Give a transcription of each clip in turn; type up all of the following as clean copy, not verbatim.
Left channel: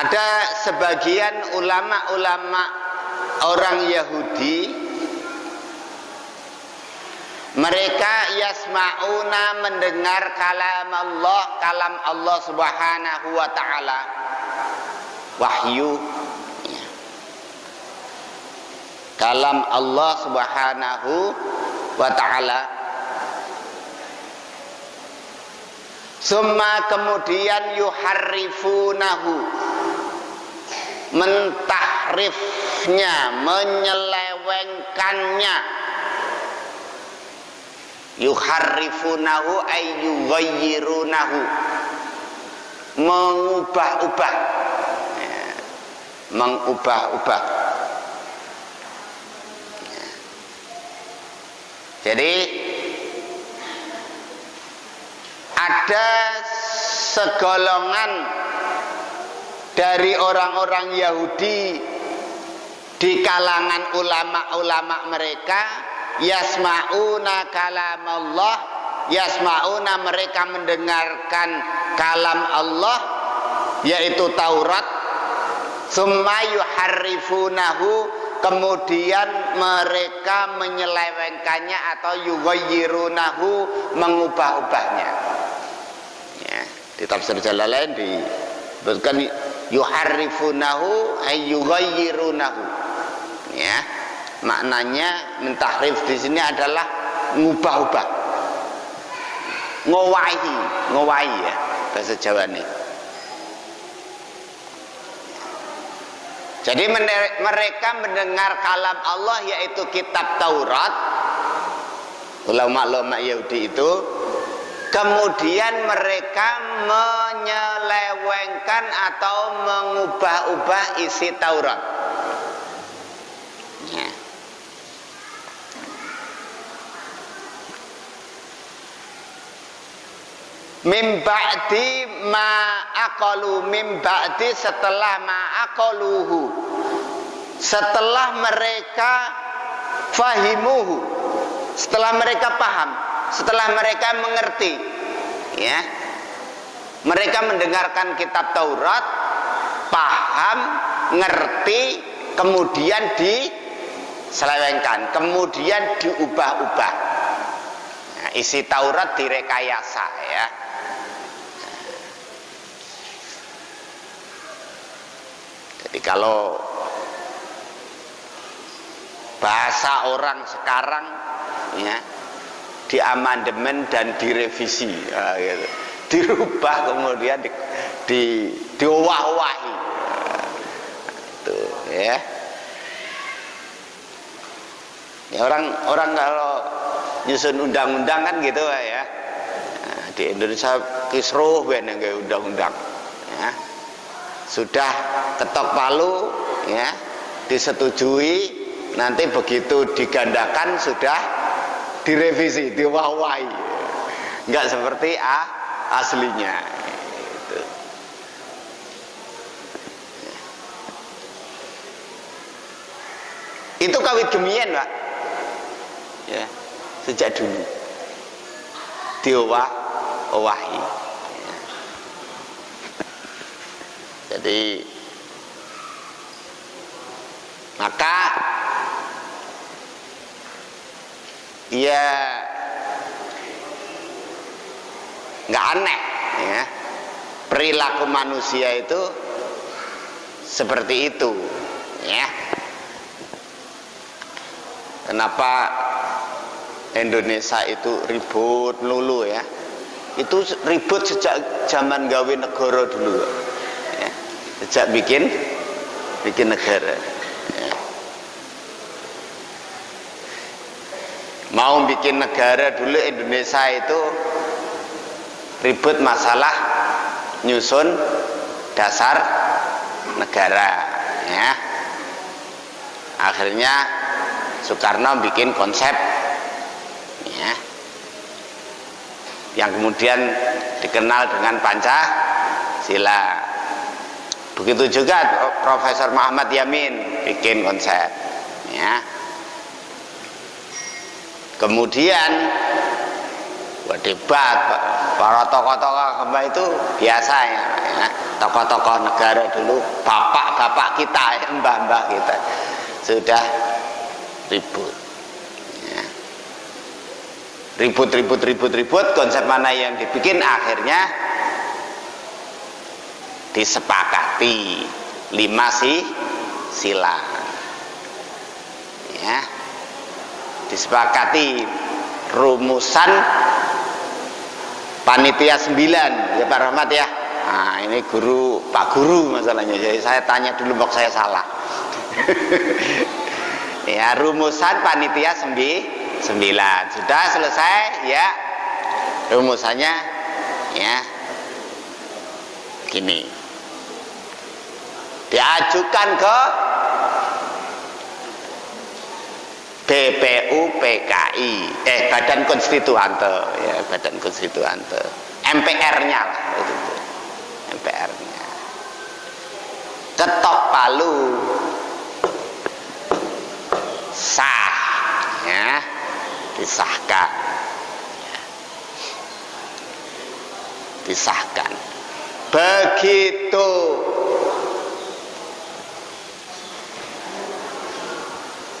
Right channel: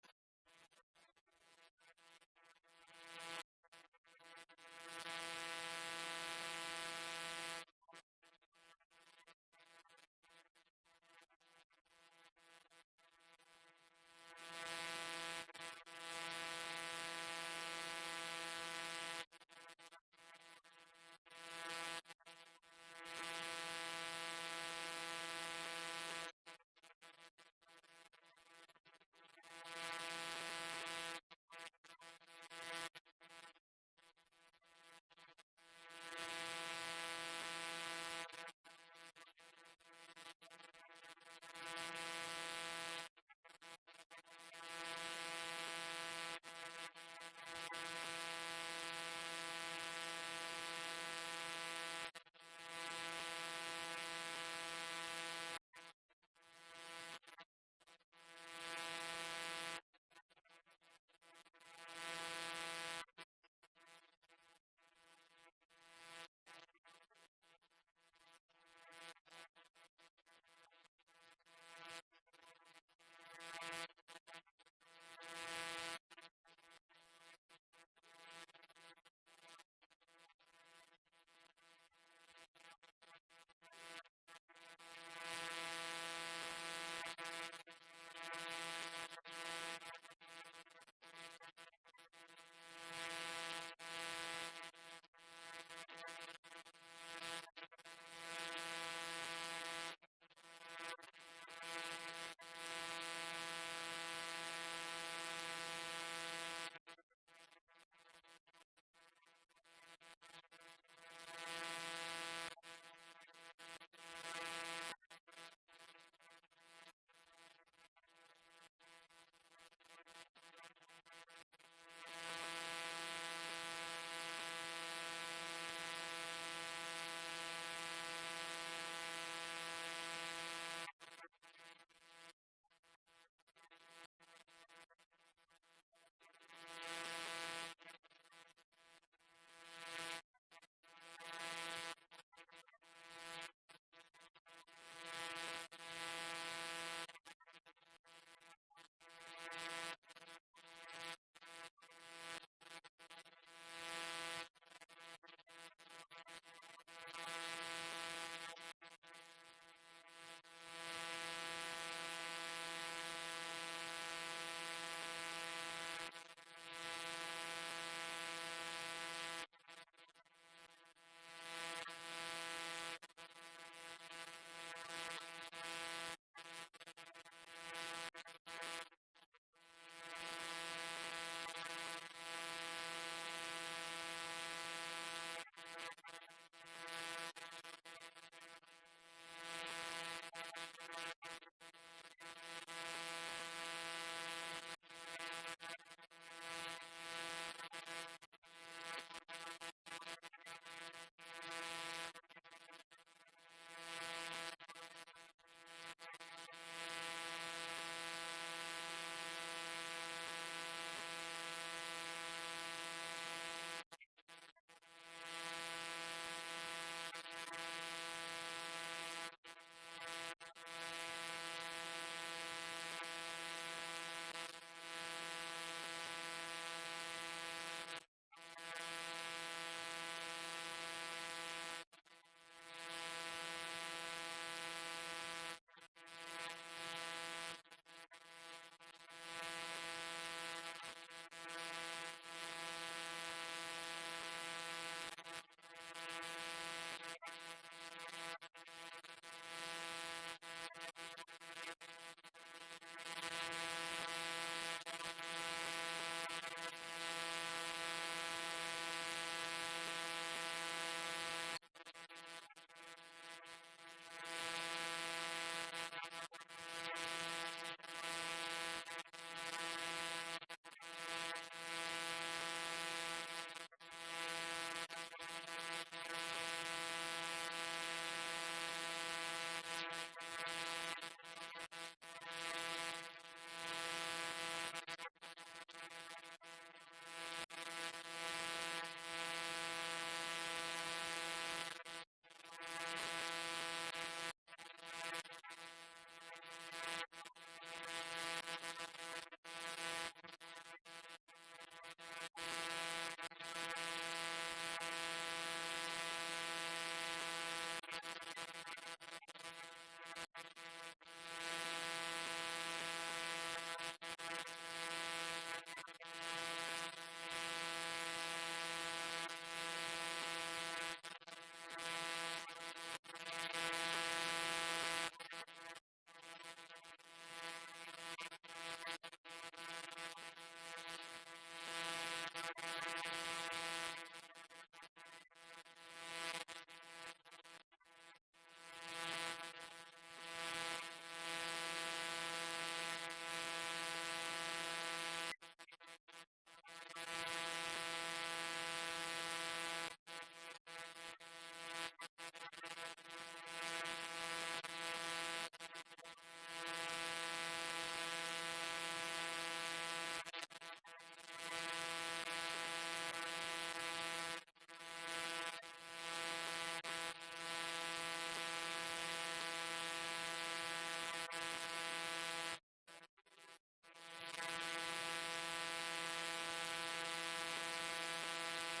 Ada sebagian ulama-ulama orang Yahudi, mereka yasma'una, mendengar kalam Allah Subhanahu wa ta'ala, wahyu, kalam Allah Subhanahu wa ta'ala. Summa kemudian yuharrifunahu, mentahrifnya, menyelewengkannya. Yuharrifunahu ay yughayyirunahu, mengubah-ubah, mengubah-ubah. Jadi ada segolongan dari orang-orang Yahudi di kalangan ulama-ulama mereka, yasma'una kalam Allah, yasma'una, mereka mendengarkan kalam Allah, yaitu Taurat. Summa yuharrifunahu, kemudian mereka menyelewengkannya atau yughayyirunahu, mengubah-ubahnya. Ya, di tafsir Jalalain disebutkan yuharrifunahu ay yughayyirunahu. Ya, maknanya mentahrif di sini adalah ngubah-ubah, ngowahi ya bahasa Jawa ini. Jadi mereka mendengar kalam Allah, yaitu kitab Taurat, ulama-ulama Yahudi itu, kemudian mereka menyelewengkan atau mengubah-ubah isi Taurat. Ya. Mim ba'di ma aqalu, mim ba'di, setelah ma aqaluhu, setelah mereka fahimuhu, setelah mereka paham, setelah mereka mengerti, ya. Mereka mendengarkan kitab Taurat, paham, ngerti, kemudian diselewengkan, kemudian diubah-ubah. Nah, isi Taurat direkayasa, ya. Jadi kalau bahasa orang sekarang, ya, diamandemen dan direvisi, ya, gitu. Dirubah kemudian diwah-wahi, itu, ya. Ya, orang kalau nyusun undang-undang kan gitu ya. Nah, di Indonesia kisruh ben nggak undang-undang, ya. Sudah ketok palu, ya, disetujui, nanti begitu digandakan sudah direvisi, diwah-wahi, nggak seperti aslinya. Itu kawit gemian, Pak, ya, sejak dulu diwah-wahi. Jadi maka ya nggak aneh, ya, perilaku manusia itu seperti itu, ya. Kenapa Indonesia itu ribut melulu, ya? Itu ribut sejak zaman gawe negara dulu, ya. Sejak bikin negara, ya. Mau bikin negara dulu Indonesia itu ribut masalah nyusun dasar negara, ya. Akhirnya Soekarno bikin konsep, ya, yang kemudian dikenal dengan Pancasila. Begitu juga Profesor Muhammad Yamin bikin konsep, ya. Kemudian debat para tokoh-tokoh agama itu biasa ya. Tokoh-tokoh negara dulu, bapak-bapak kita, mbah-mbah kita sudah ribut. Ya. Ribut, konsep mana yang dibikin, akhirnya disepakati 5 sila. Ya. Disepakati rumusan panitia 9 ya Pak Rahmat ya. Nah, ini Pak Guru masalahnya. Jadi saya tanya dulu mbok saya salah. Ya, rumusan panitia 9 sudah selesai ya. Rumusannya ya gini. Diajukan ke BPUPKI, Badan Konstituante, ya Badan Konstituante, MPR-nya lah itu, MPR-nya. Ketok palu, sah, ya, disahkan, disahkan. Begitu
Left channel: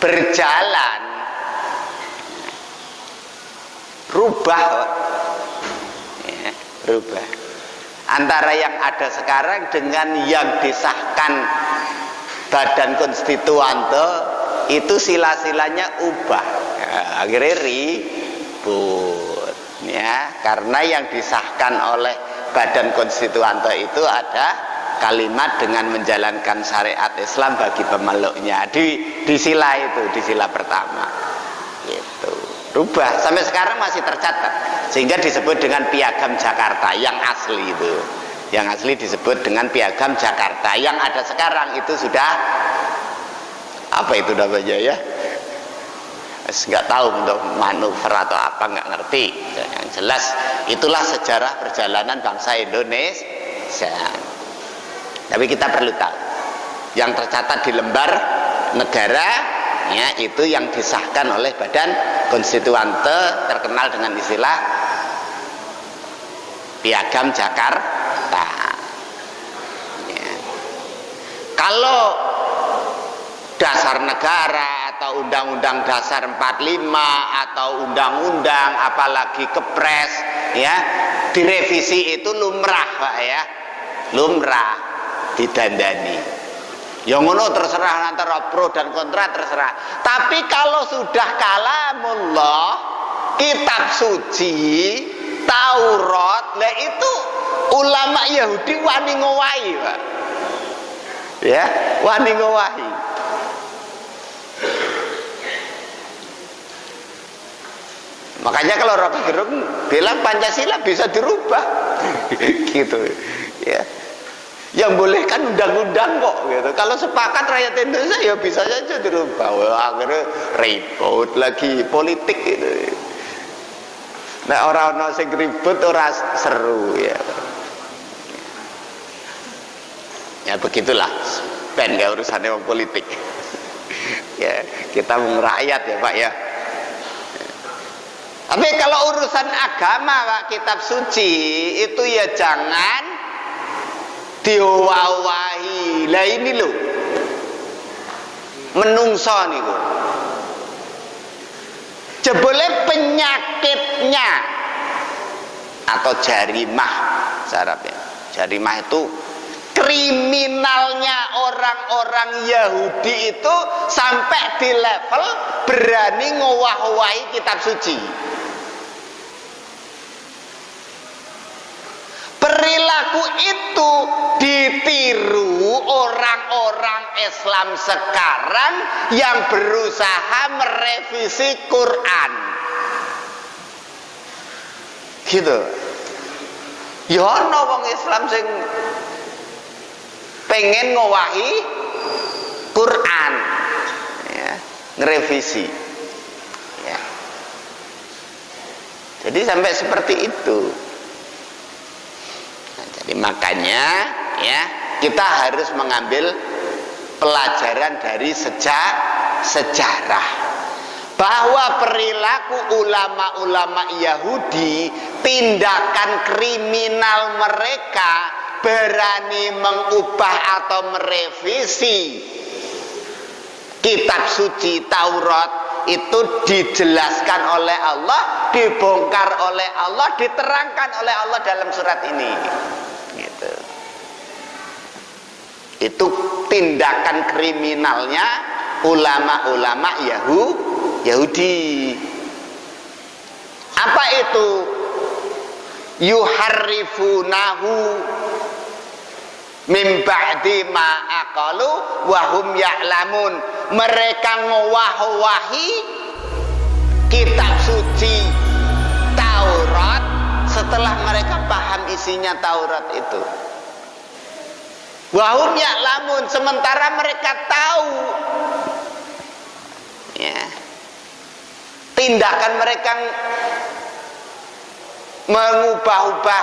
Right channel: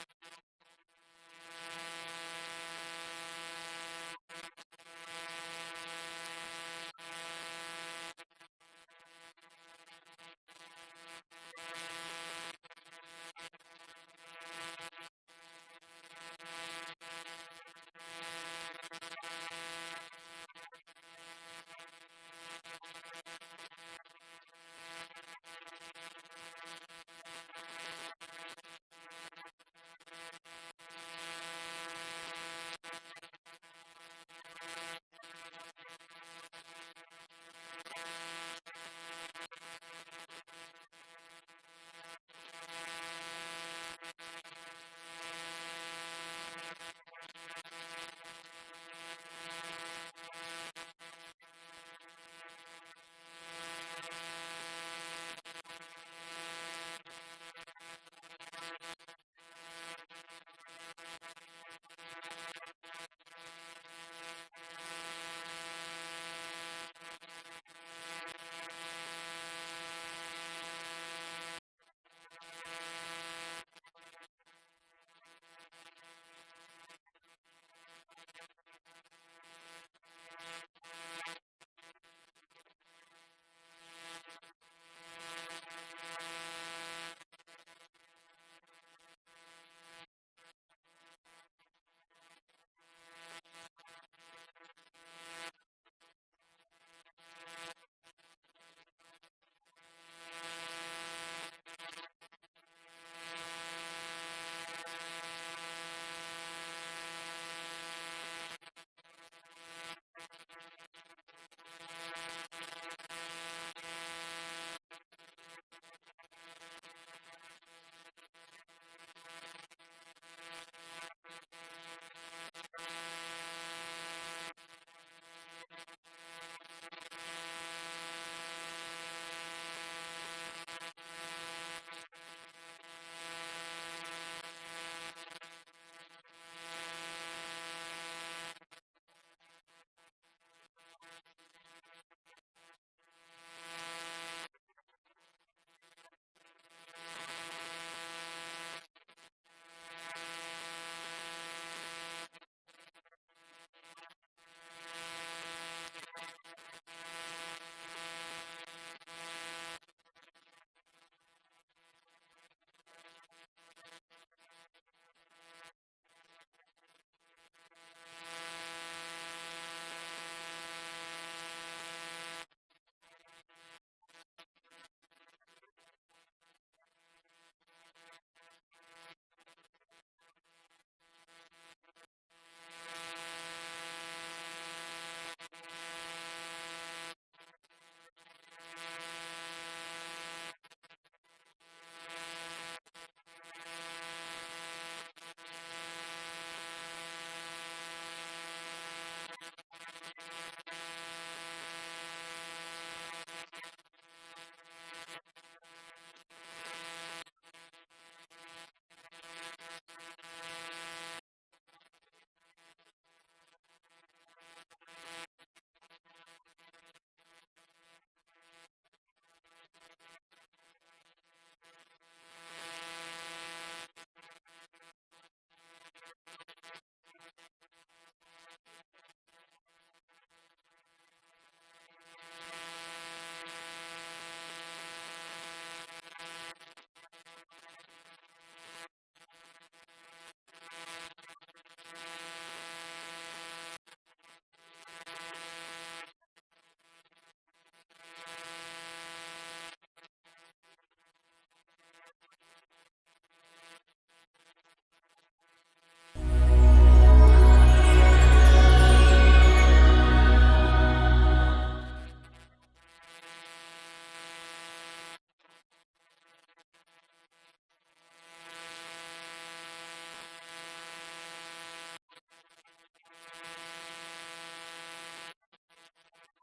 berjalan, rubah ya, rubah antara yang ada sekarang dengan yang disahkan Badan Konstituante itu sila-silanya ubah ya, akhirnya ribut ya, karena yang disahkan oleh Badan Konstituante itu ada kalimat dengan menjalankan syariat Islam bagi pemeluknya di sila itu, di sila pertama gitu. Rubah sampai sekarang masih tercatat sehingga disebut dengan Piagam Jakarta yang asli itu, yang asli disebut dengan Piagam Jakarta. Yang ada sekarang itu sudah apa itu namanya ya, nggak tahu untuk manuver atau apa, nggak ngerti. Yang jelas itulah sejarah perjalanan bangsa Indonesia. Tapi kita perlu tahu yang tercatat di lembar negara ya, itu yang disahkan oleh Badan Konstituante, terkenal dengan istilah Piagam Jakarta ya. Kalau dasar negara atau Undang-Undang Dasar 45 atau undang-undang apalagi kepres ya, direvisi itu lumrah Pak ya, lumrah didandani. Yang ngono terserah, antara pro dan kontra terserah. Tapi kalau sudah kalamullah, kitab suci, Taurat, lah itu ulama Yahudi wani ngowahi, Pak. Ya, wani ngowahi. Makanya kalau Rocky Gerung bilang Pancasila bisa dirubah, gitu, ya. Yang boleh kan undang-undang kok gitu. Kalau sepakat rakyat Indonesia ya bisa saja dirubah. Wah, akhirnya ribut lagi politik gitu. Nah, orang-orang sing ribut ora seru ya. Ya begitulah. Ben gak urusannya orang politik. Ya, kita mau rakyat ya, Pak ya. Tapi kalau urusan agama, Pak, kitab suci itu ya jangan diwawahi. Lah ini loh menungso niku jebule penyakitnya atau jarimah Arabnya. Jarimah itu kriminalnya orang-orang Yahudi itu sampai di level berani ngowah-owahi kitab suci. Perilaku itu ditiru orang-orang Islam sekarang yang berusaha merevisi Quran. Gitu. Ya ana wong Islam sing pengen ngowahi Quran, ya, ngerevisi. Ya. Jadi sampai seperti itu. Jadi makanya ya kita harus mengambil pelajaran dari sejarah. bahwa perilaku ulama-ulama Yahudi, tindakan kriminal mereka berani mengubah atau merevisi kitab suci Taurat, itu dijelaskan oleh Allah, dibongkar oleh Allah, diterangkan oleh Allah dalam surat ini. Gitu. Itu tindakan kriminalnya ulama-ulama Yahudi. Apa itu? Yuharrifunahu mim ba'di ma aqalu wa hum ya'lamun. Mereka ngowah-wahi kitab suci Taurat setelah mereka paham isinya Taurat itu. Wa hum ya'lamun, sementara mereka tahu. Ya. Tindakan mereka mengubah-ubah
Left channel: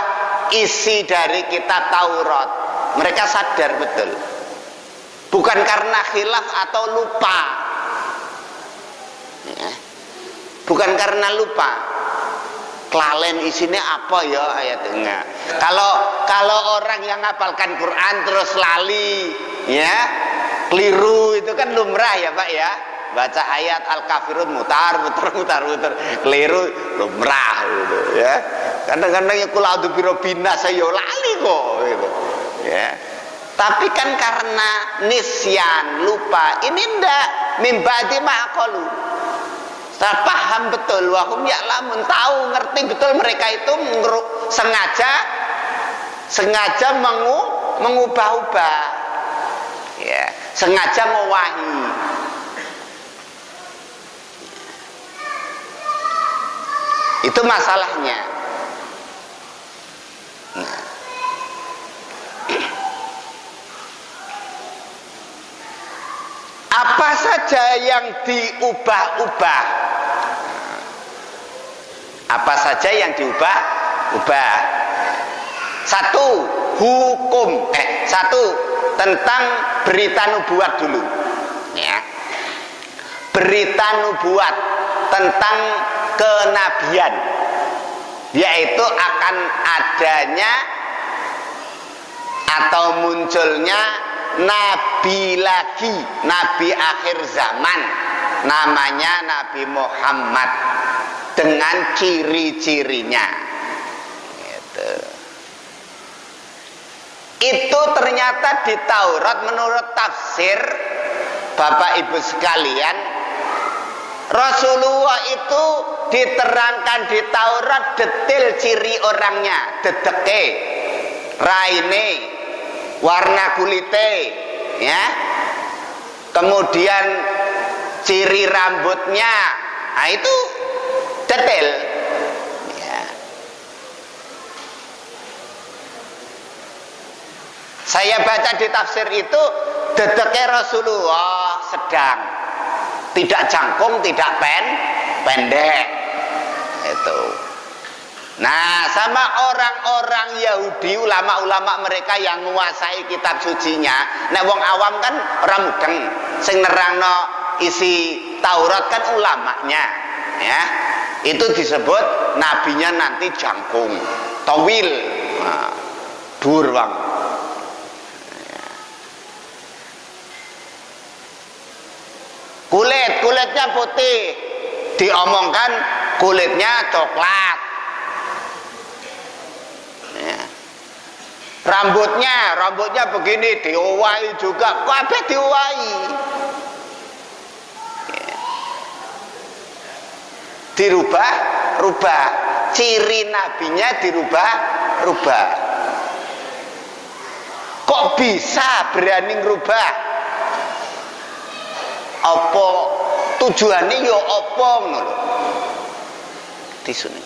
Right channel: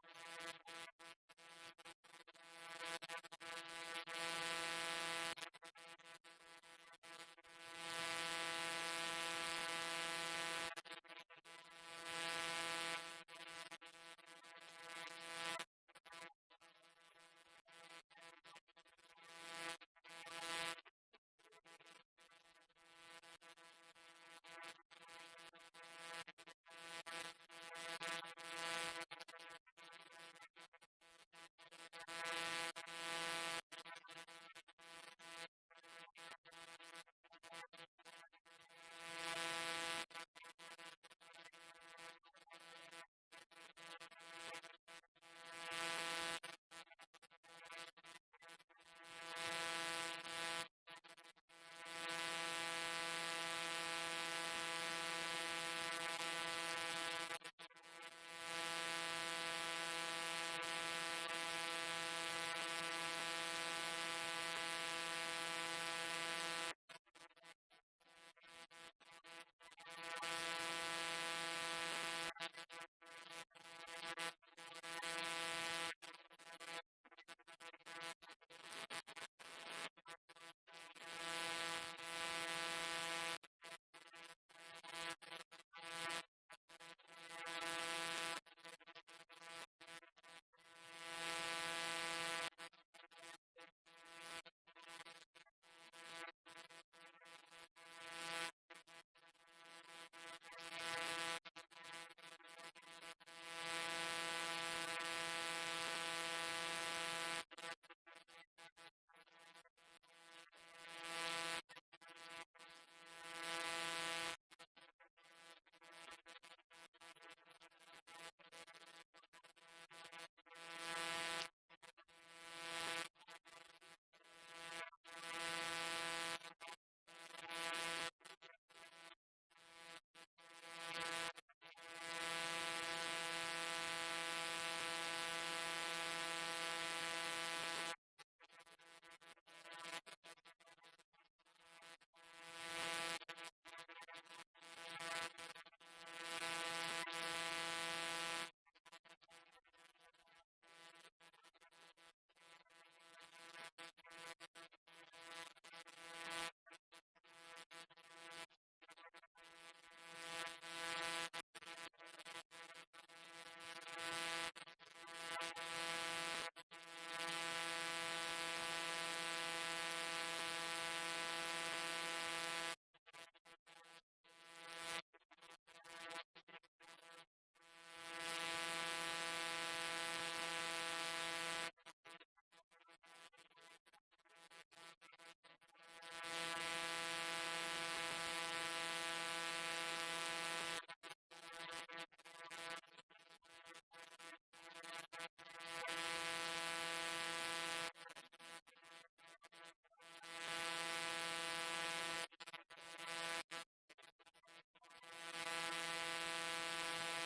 isi dari kitab Taurat, mereka sadar betul, bukan karena khilaf atau lupa, ya. Bukan karena lupa, kelalen isinya apa ya ayatnya. Kalau orang yang ngapalkan Quran terus lali, ya, keliru, itu kan lumrah ya Pak ya. Baca ayat Al-Kafirun mutar, keliru, lumrah gitu ya. Kadang-kadang ya kula a'udzu birobina saya lali kok gitu. Ya. Tapi kan karena nisyan, lupa, ini ndak mimbadi ma'aqalu. Saya paham betul, wahum ya'lamun, tahu, ngerti betul mereka itu sengaja mengubah-ubah. Ya, sengaja mewahi. Itu masalahnya. Nah. Apa saja yang diubah-ubah? Apa saja yang diubah-ubah? Satu, hukum. Satu, tentang berita nubuat dulu. Ya. Berita nubuat tentang kenabian, yaitu akan adanya atau munculnya nabi lagi, nabi akhir zaman, namanya Nabi Muhammad dengan ciri-cirinya. Gitu. Itu ternyata di Taurat menurut tafsir Bapak Ibu sekalian, Rasulullah itu diterangkan di Taurat detail ciri orangnya, dedeke, raine, warna kulite, ya, kemudian ciri rambutnya, nah itu detail. Ya. Saya baca di tafsir itu dedeke Rasulullah sedang, tidak jangkung, tidak pendek. Itu. Nah, sama orang-orang Yahudi, ulama-ulama mereka yang menguasai kitab sucinya, nek wong awam kan ora mudeng, sing nerangno isi Taurat kan ulamanya, ya. Itu disebut nabinya nanti jangkung, tawil, nah, dur bang. Kulitnya putih, diomongkan kulitnya coklat. Ya. Rambutnya begini, diowahi juga, kabeh diowahi. Ya. Dirubah, ciri nabinya dirubah. Kok bisa berani ngerubah? Apa tujuannya ya apa ngono lho. Tisunya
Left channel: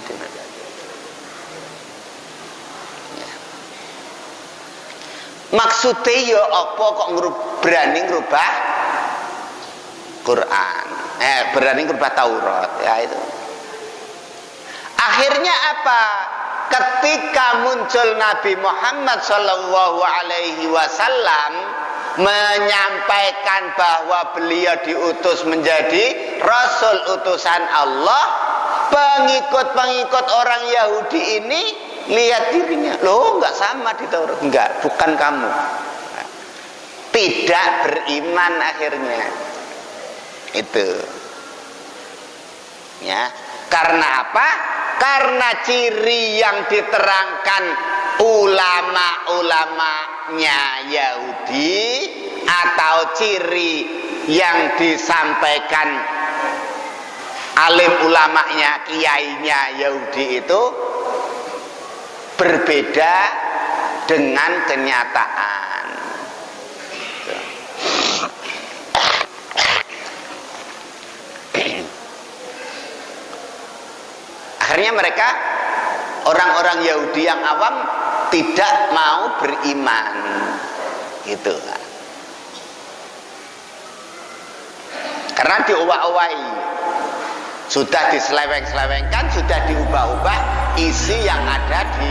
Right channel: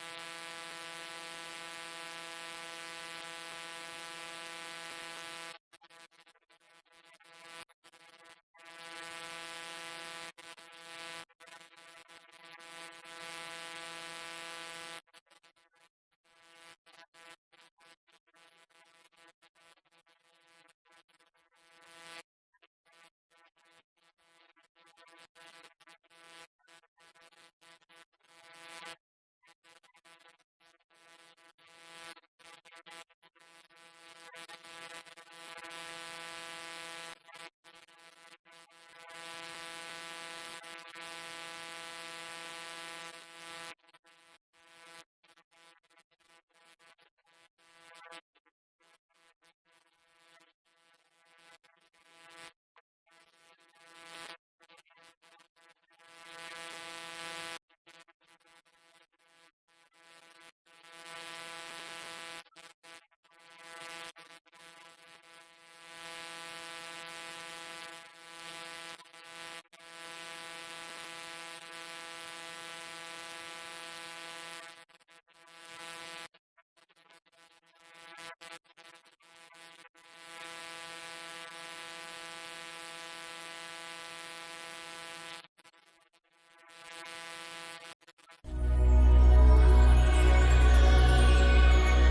di mana? Ya. Maksudnya ya apa kok berani ngerubah Quran? Berani ngerubah Taurat, ya itu. Akhirnya apa? ketika muncul Nabi Muhammad Shallallahu Alaihi Wasallam menyampaikan bahwa beliau diutus menjadi Rasul utusan Allah, pengikut-pengikut orang Yahudi ini lihat dirinya, loh nggak sama di Taurat, enggak, bukan kamu, tidak beriman akhirnya itu, ya. Karena apa? Karena ciri yang diterangkan ulama-ulamanya Yahudi atau ciri yang disampaikan alim ulamanya, kiainya Yahudi itu berbeda dengan kenyataan. Akhirnya mereka, orang-orang Yahudi yang awam, tidak mau beriman, gitu. Karena diubah-ubahi, sudah diseleweng-selewengkan, sudah diubah-ubah isi yang ada di